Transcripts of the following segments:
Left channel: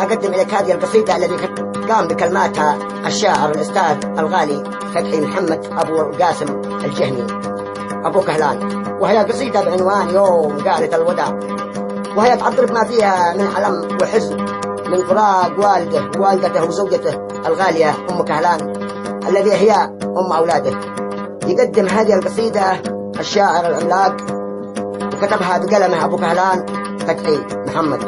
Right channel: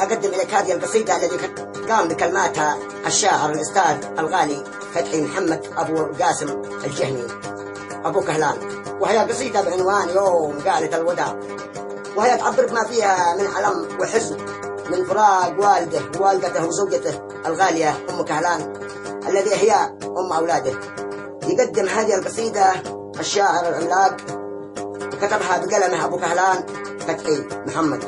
أقدم إليك هذه القصيدة التي قام بكلماتها الشاعر الأستاذ الغالي فتحي محمد أبو القاسم الجهني أبو كهلان، وهي قصيدة بعنوان يوم قالت الوداع، وهي تعبر بما فيها من ألم وحزن من فراق والده ووالدته وزوجته الغالية أم كهلان الذي هي أم أولاده. يقدم هذه القصيدة الشاعر العملاق وكتبها بقلمه أبو كهلان فتحي محمد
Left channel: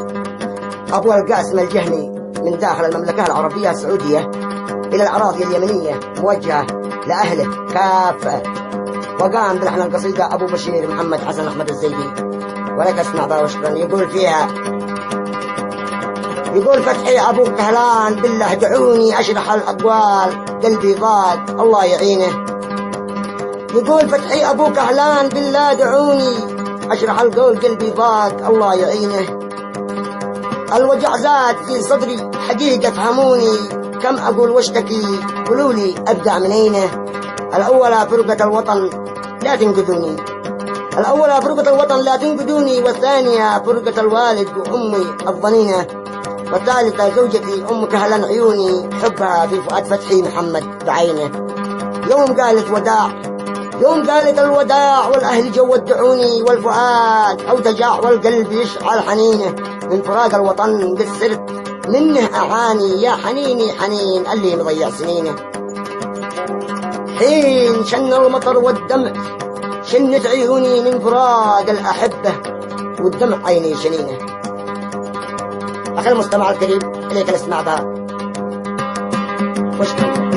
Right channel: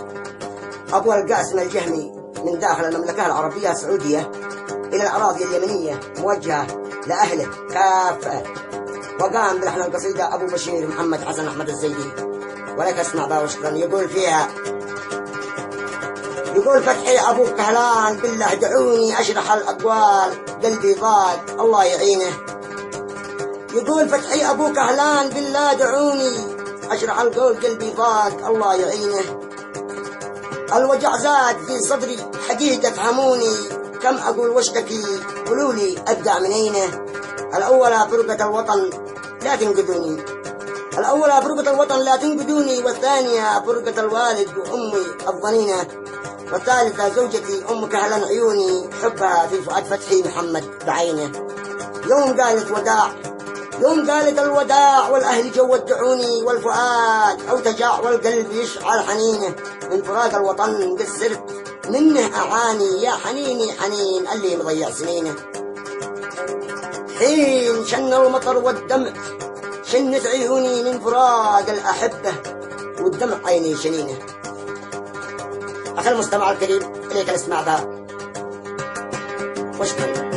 أبو القاسم الجهني من داخل المملكة العربية السعودية إلى الأراضي اليمنية، موجهة لأهله كافة. وقام بلحن القصيدة أبو بشير محمد حسن أحمد الزيدي، ولك اسمع بها وشكرا. يقول فيها، يقول فتحي أبو كهلان بالله دعوني أشرح الأقوال قلبي ضاق الله يعينه. يقول فتحي أبو كهلان بالله دعوني أشرح القول قلبي ضاق الله يعينه. الوجع زاد في صدري حقيقة فهموني، كم أقول واشتكي قولوا لي أبدأ من أينه. الأولى فرقة الوطن لا تنقذوني، الأولى فرقة الوطن لا تنقذوني، والثانية فرقة الوالد وأمي الظنينة، والثالثة زوجتي أم كهلان عيوني حبها في فؤاد فتحي محمد بعينه. يوم قالت وداع، يوم قالت الوداع والأهل جو ودعوني، والفؤاد أوتجع والقلب يشعل حنينه، من فراق الوطن قد صرت منه أعاني، يا حنيني حنين اللي مضيع سنينه. حين شن المطر والدمع شنت عيوني من فراق الأحبة والدمع عيني شنينه. أخي المستمع الكريم إليك الاستماع بها واشكرا.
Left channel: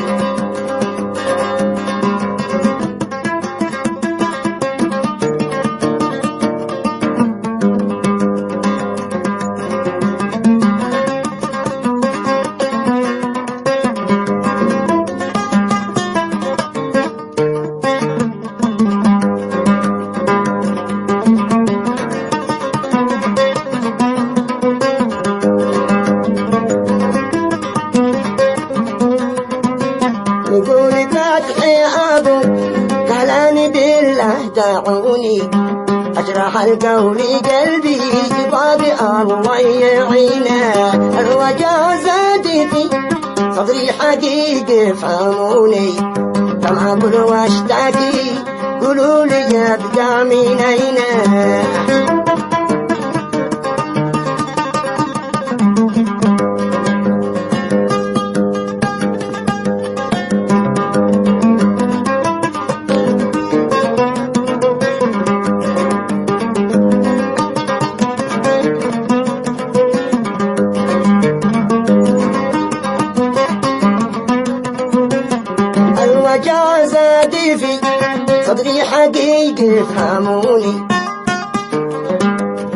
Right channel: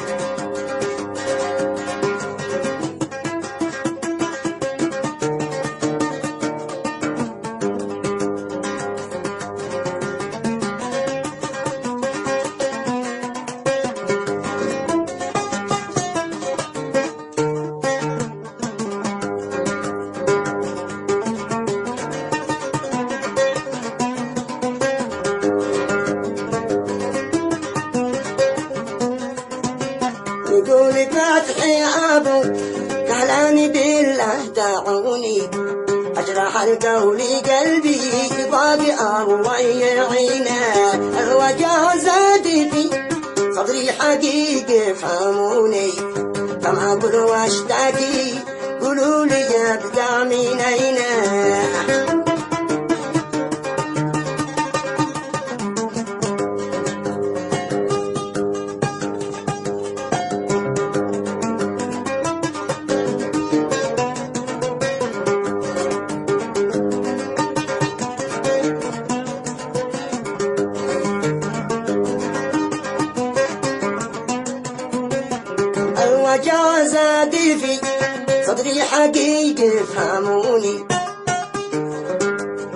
يقول فتحي أبو كهلان بالله دعوني أشرح القول قلبي ضابع الله يعينه. الوجع زاد في صدري حقيقة فهموني، كم أقول واشتكي قولوا لي أبدأ من أينه. في صدري حقيقة فهموني،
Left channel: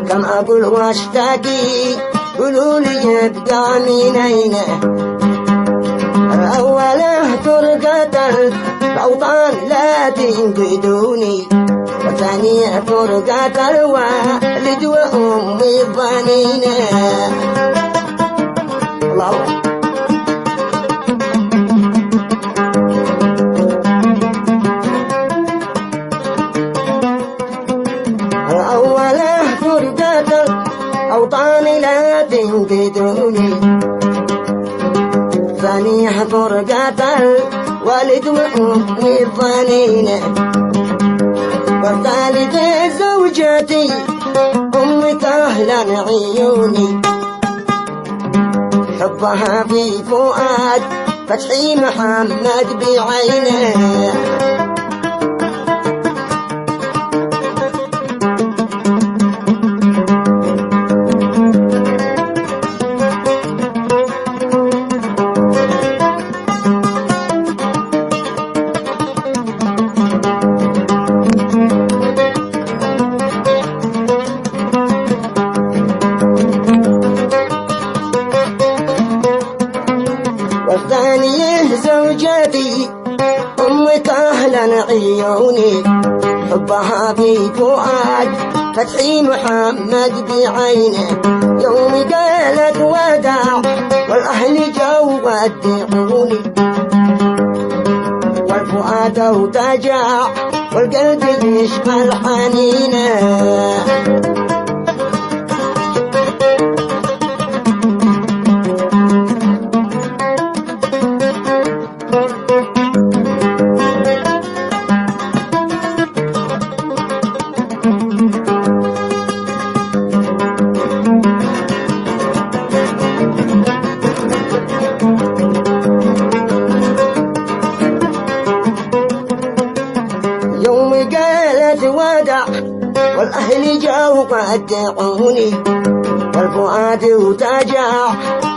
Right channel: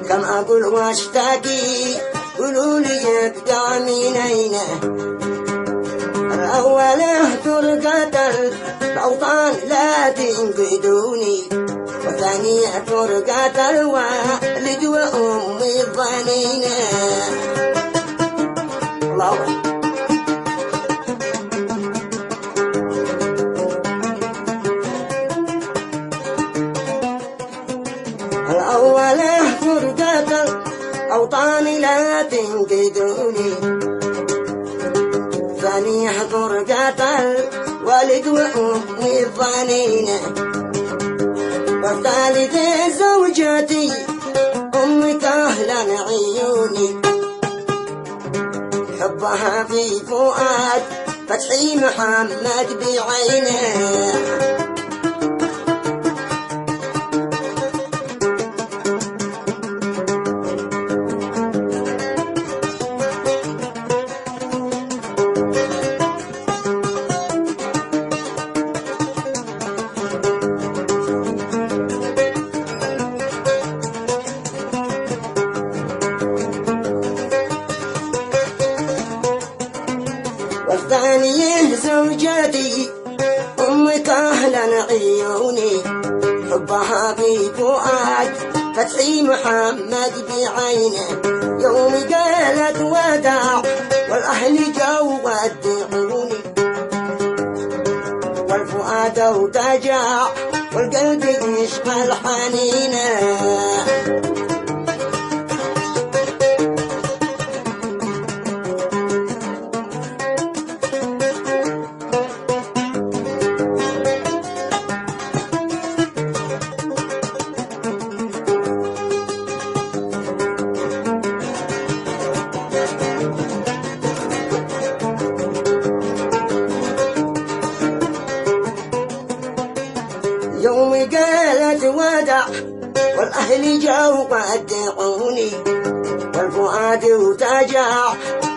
كم أقول واشتكي قولوا لي أبدأ من أينه. الأولى فرقة الأوطان لا تنقذوني، والثانية فرقة الوالد وأمي الظنينة. الله الأوطان لا تنقذوني، ثانية فرقة الوالد وأمي الظنينة، والثالثة زوجتي أم كهلان عيوني حبها في فؤاد فتحي محمد بعينه. والثانية زوجتي أم كهلان عيوني حبها في فؤاد فتحي محمد بعينه. يوم قالت وداع والأهل جو ودعوني، والفؤاد اوتجع والقلب يشغل حنينه. يوم قالت ودع والأهل جاوا قدعوني والفؤاد وتجع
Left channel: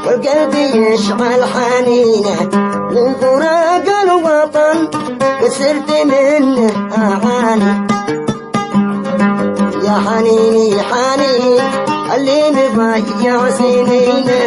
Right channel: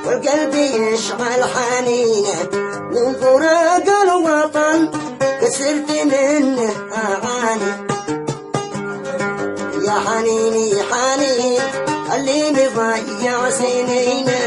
والقلب يشعل حنينه من فراق الوطن كسرت منه أعاني يا حنيني حنين اللي مضيع سنينه.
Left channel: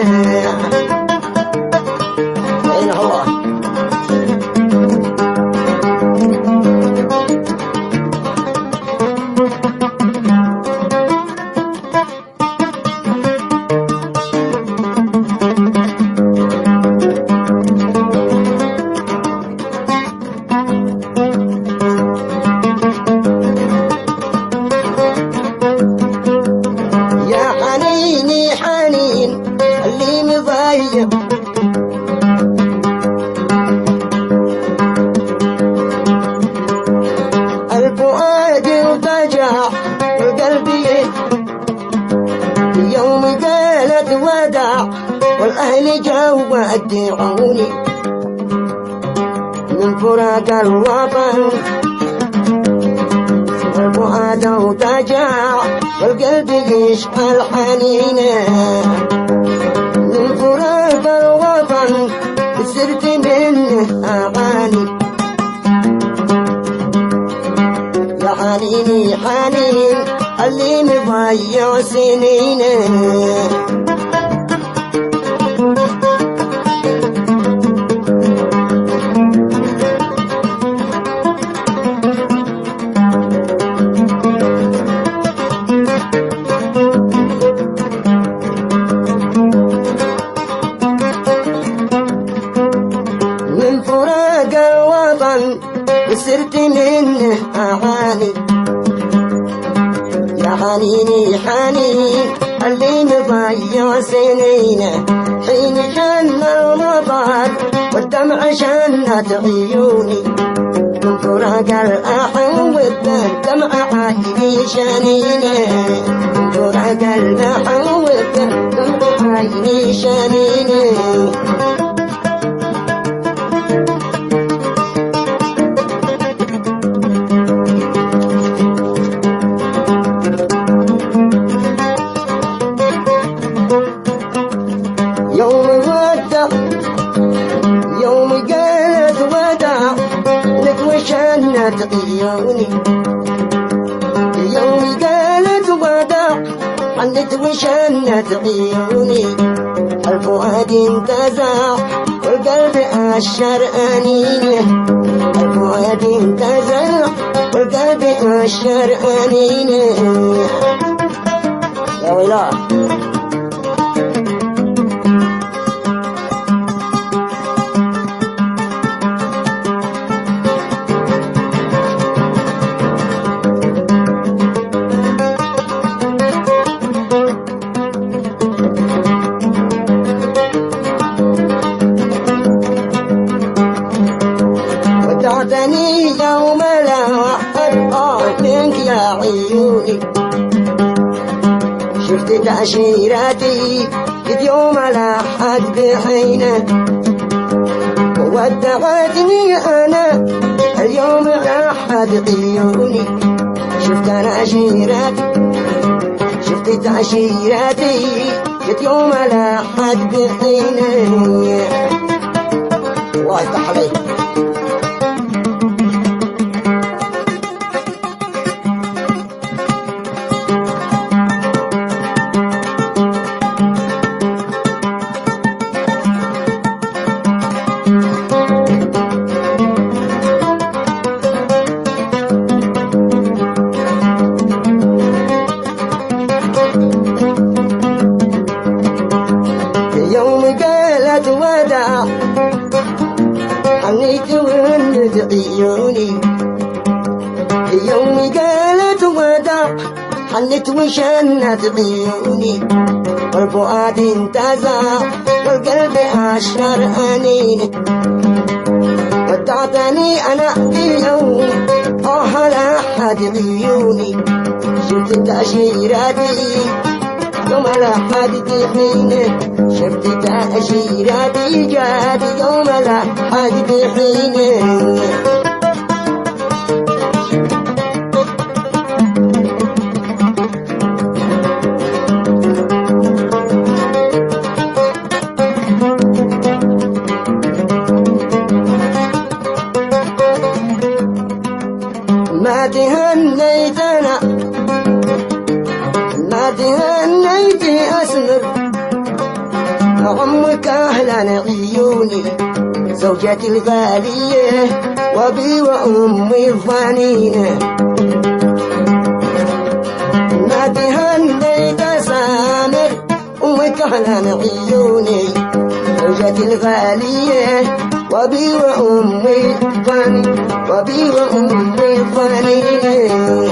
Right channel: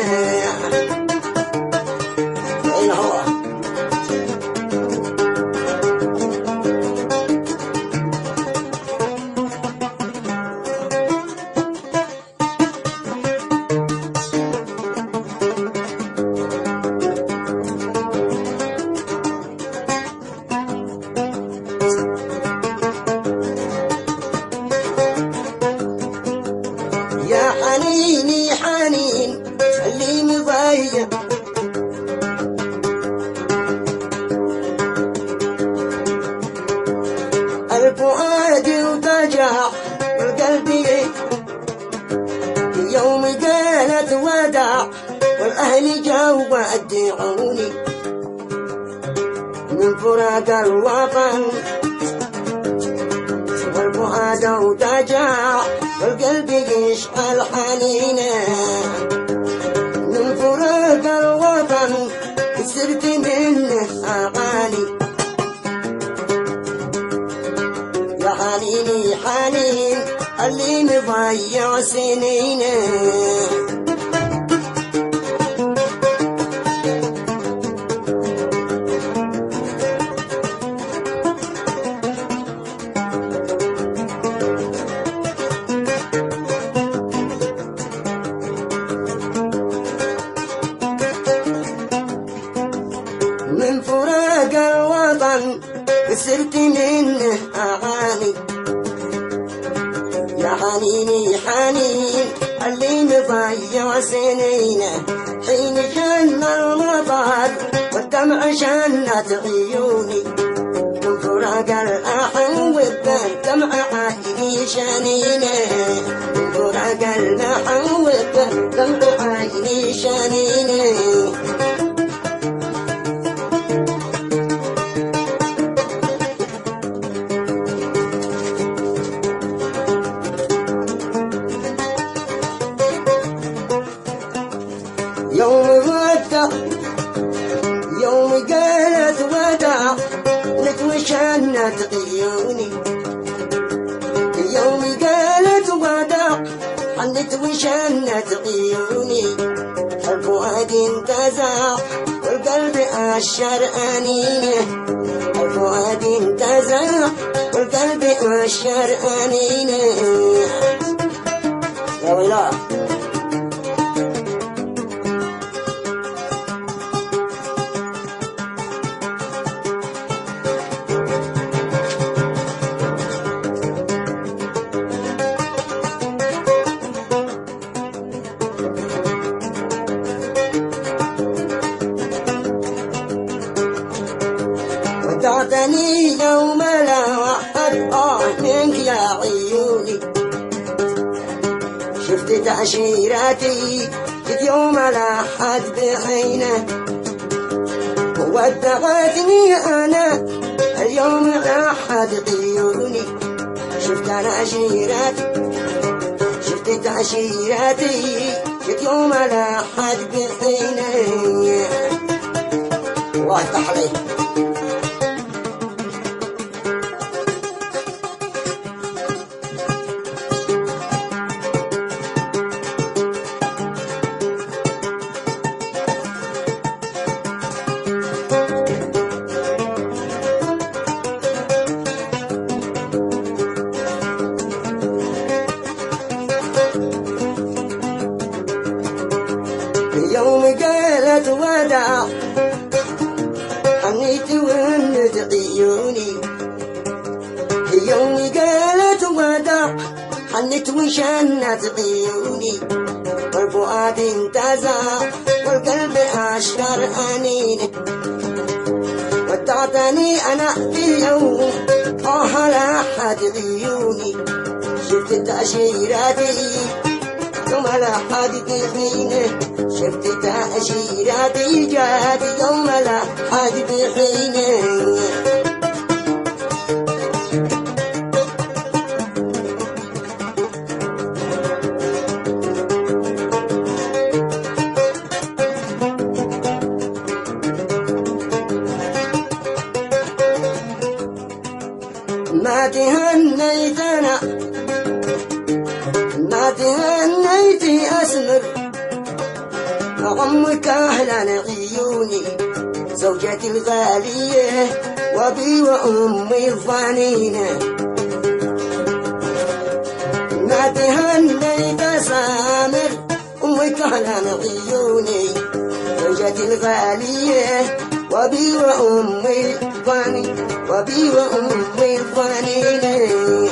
الفؤاد وضجع القلب يوم قالت ودع والأهل جاوا ودعوني من فراق الوطن والفؤاد وضجع والقلب يشعل حنينه من فراق الوطن كسرت منه أعاني يا حنيني حنين اللي مضيع سنينه. من فراق الوطن كسرت منه أعاني يا حنيني حنين اللي مضيع سنينه حين جن المطر والدمع شنت عيوني من فراق الأحو والدمع عيني شنينه من فراق الأحو والدمع عيني شنينه. يوم ودع يوم قالت ودع نتوشنت عيوني يوم قالت ودع نتوشنت عيوني الفؤاد انتزع والقلب أشر أنينه الفؤاد انتزع والقلب أشر أنينه. يا ويلا ودعتني يوم لا أحد منك يا عيوني شفت تأشيراتي جيت يوم لا أحد بحينه ودعتني أنا اليوم أحد عيوني شفت تأشيراتي شفت تأشيراتي جيت يوم لا أحد بحينه. وافتح عليك يوم قالت ودع حنيت وهنت عيوني يوم قالت ودع حنيت وشنت عيوني والفؤاد انتزع والقلب أشهر أنينك ودعتني أنا بيوم لا أحد عيوني شفت تأشيراتي يوم لا حد بحينه شفت تأشيراتي جات يوم لا حد بحينه. ما تهنيت أنا ما تهنيت أسمر عمك أهلا عيوني زوجتي الغالية وأبي وأمي الظنينة ما تهنيت سامر أمك أهلا عيوني زوجتي الغالية وأبي وأمي الظنينة وأبي وأمي الظنينة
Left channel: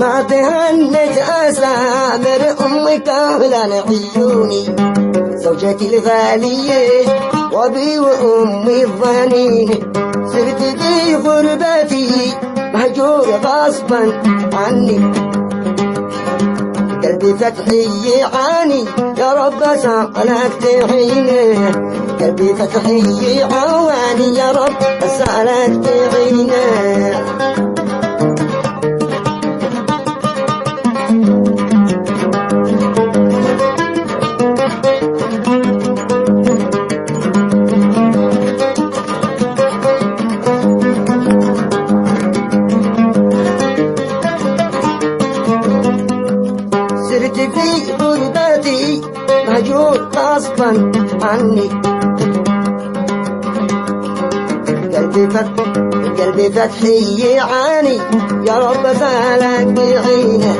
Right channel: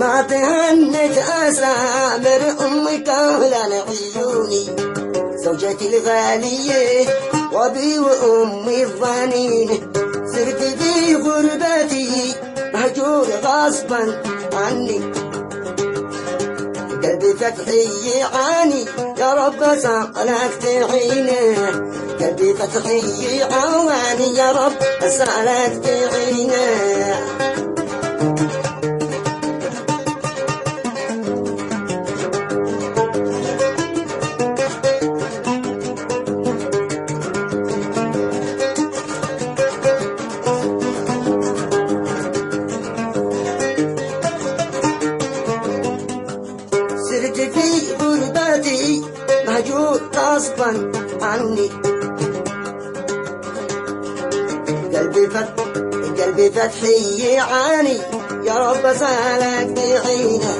ما تهنت أسامر أمك أهلا عيوني زوجتي الغالية وأبي وأمي الظنينة صرت في غربتي مهجور غصبا عني قلبي فتحي يعاني يا رب سألك تعينه قلبي فتحي يعاني يا رب سألك تعينه صرت في غربتي مهجور غصبا عني قلبي فتحي يعاني يا رب سالك بعينه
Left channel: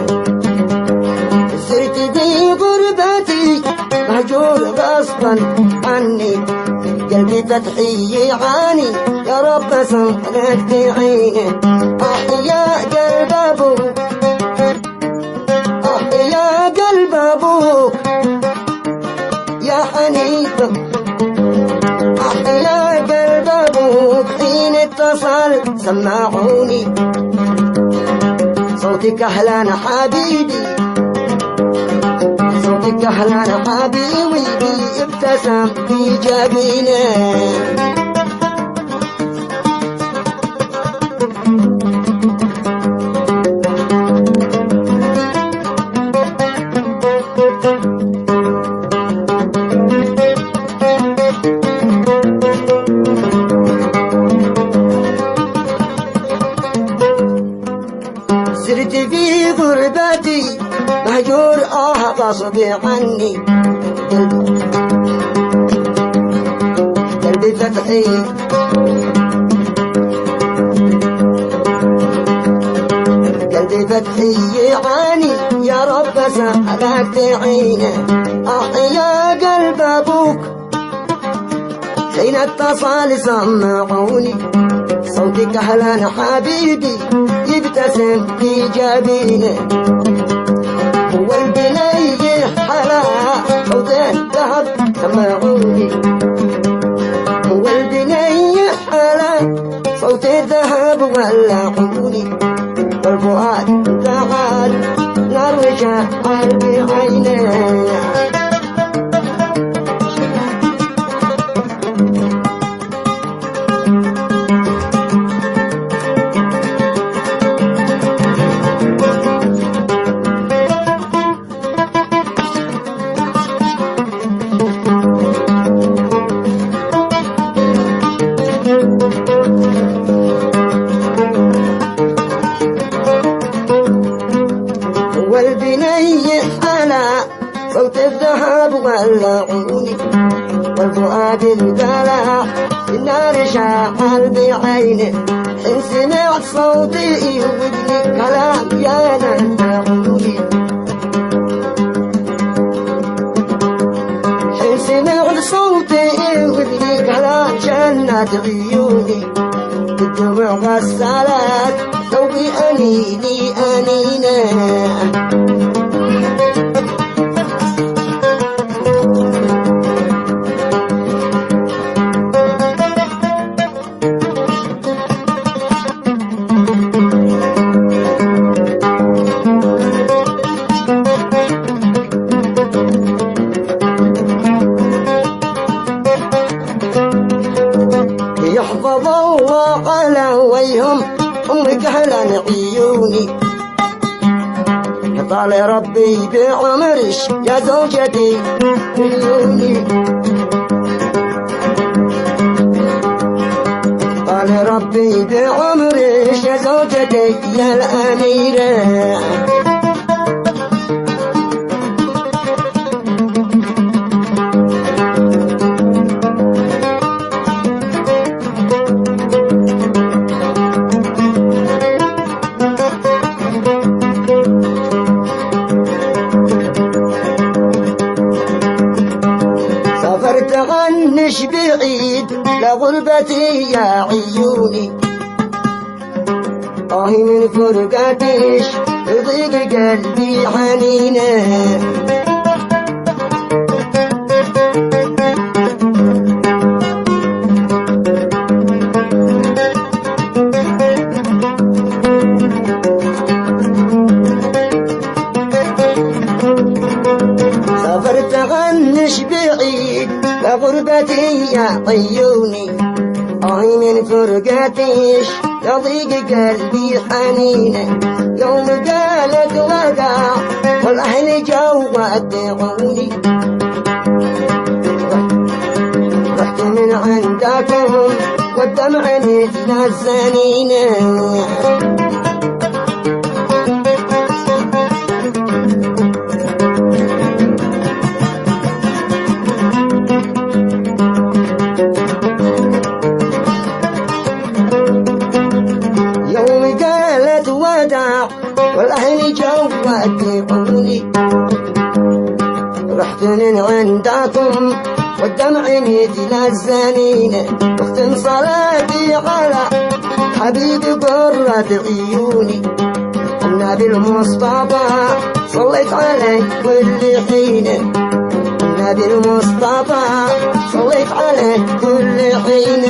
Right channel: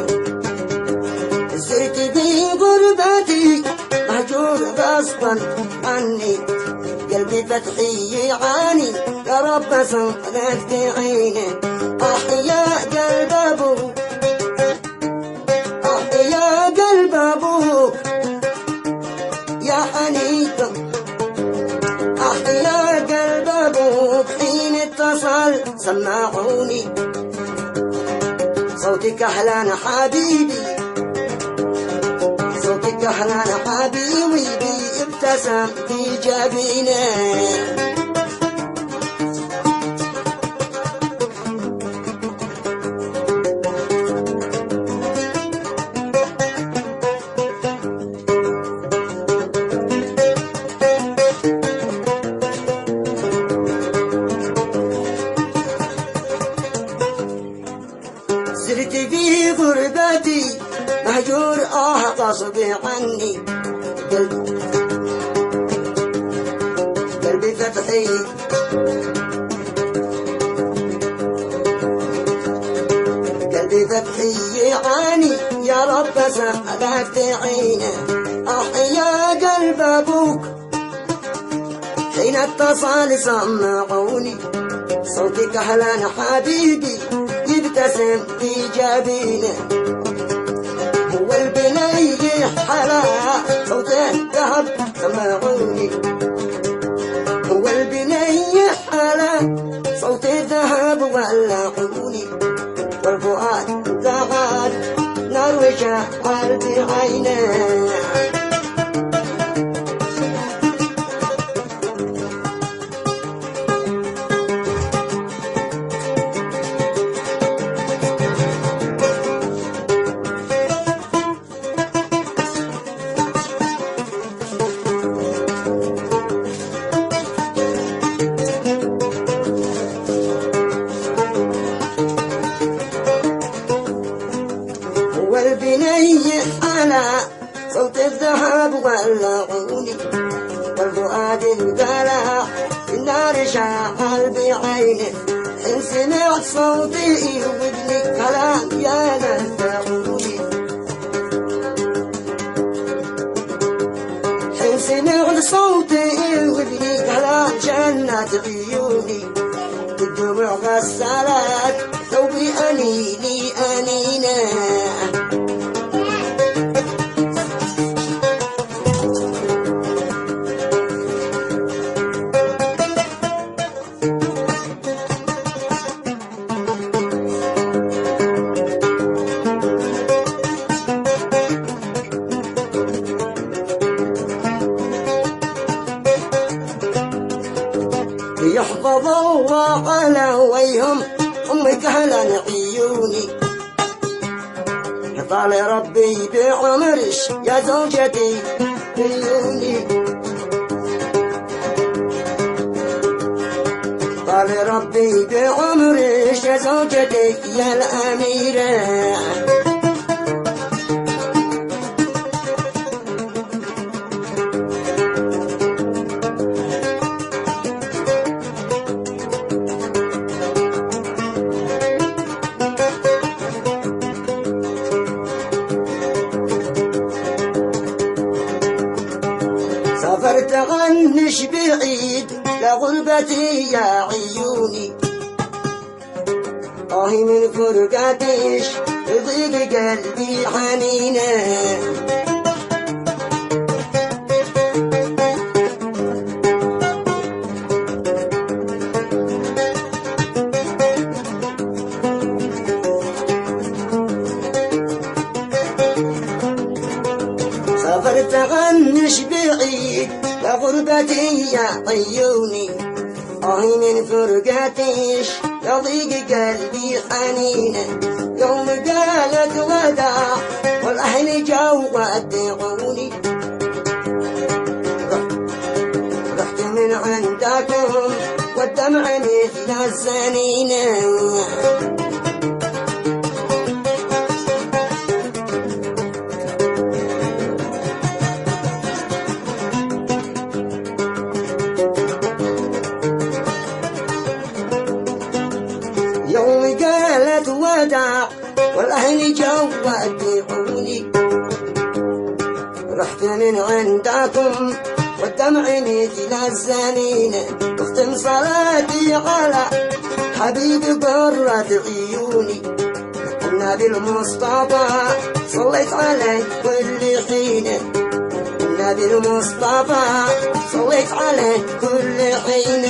صرت في غربتي مهجور غصبا عني قلبي فتحي يعاني يا رب سالك بعينه يا قلب أبوك يا قلب أبوك يا حنيف يا قلب أبوك حين اتصل سمعوني صوتك أهلا حبيبي صوتك أهلا حبيبي ابتسم في جبينه صرت في غربتي مهجور غصب عني قلبي فتحي قلبي فتحي يعاني يا رب سألك تعينه يا قلب أبوك حين اتصل سمعوني صوتك أهلا حبيبي يبتسم في جبينه هو البني حلا صوت الذهب سمعوني هو البني حلا صوت الذهب ولعوني والفؤاد تعال نار وشعل بعينيه والبني أنا صوت الذهب ولعوني والفؤاد انقلع في النار شعل بعينه إن سمعت صوتي وابني كلام يا نفعوني إن سمعت صوتي وابني كلام جنات عيوني بالدموع غسالات ثوبي أنيني أنينه طال ربي بعمرش يا زوجتي عيوني، طال ربي بعمرش يا زوجتي يا الأميرة. سافرت عنش بعيد لغربتي يا عيوني، من فرقتش يضيق قلبي حنينه. سافرت عنش بعيد لغربتي يا عيوني، من فرقتش يضيق قلبي حنينه. يوم قالت وداع والأهل جو ودعوني، رحت من عندكم والدمع نزل الزنينه. يوم قالت وداع والأهل جو ودعوني، رحت من عندكم والدمع نزل الزنينه. واختم صلاتي على حبيبي قرة عيوني، النبي المصطفى صليت عليه كل حين، النبي المصطفى صليت عليه كل حين.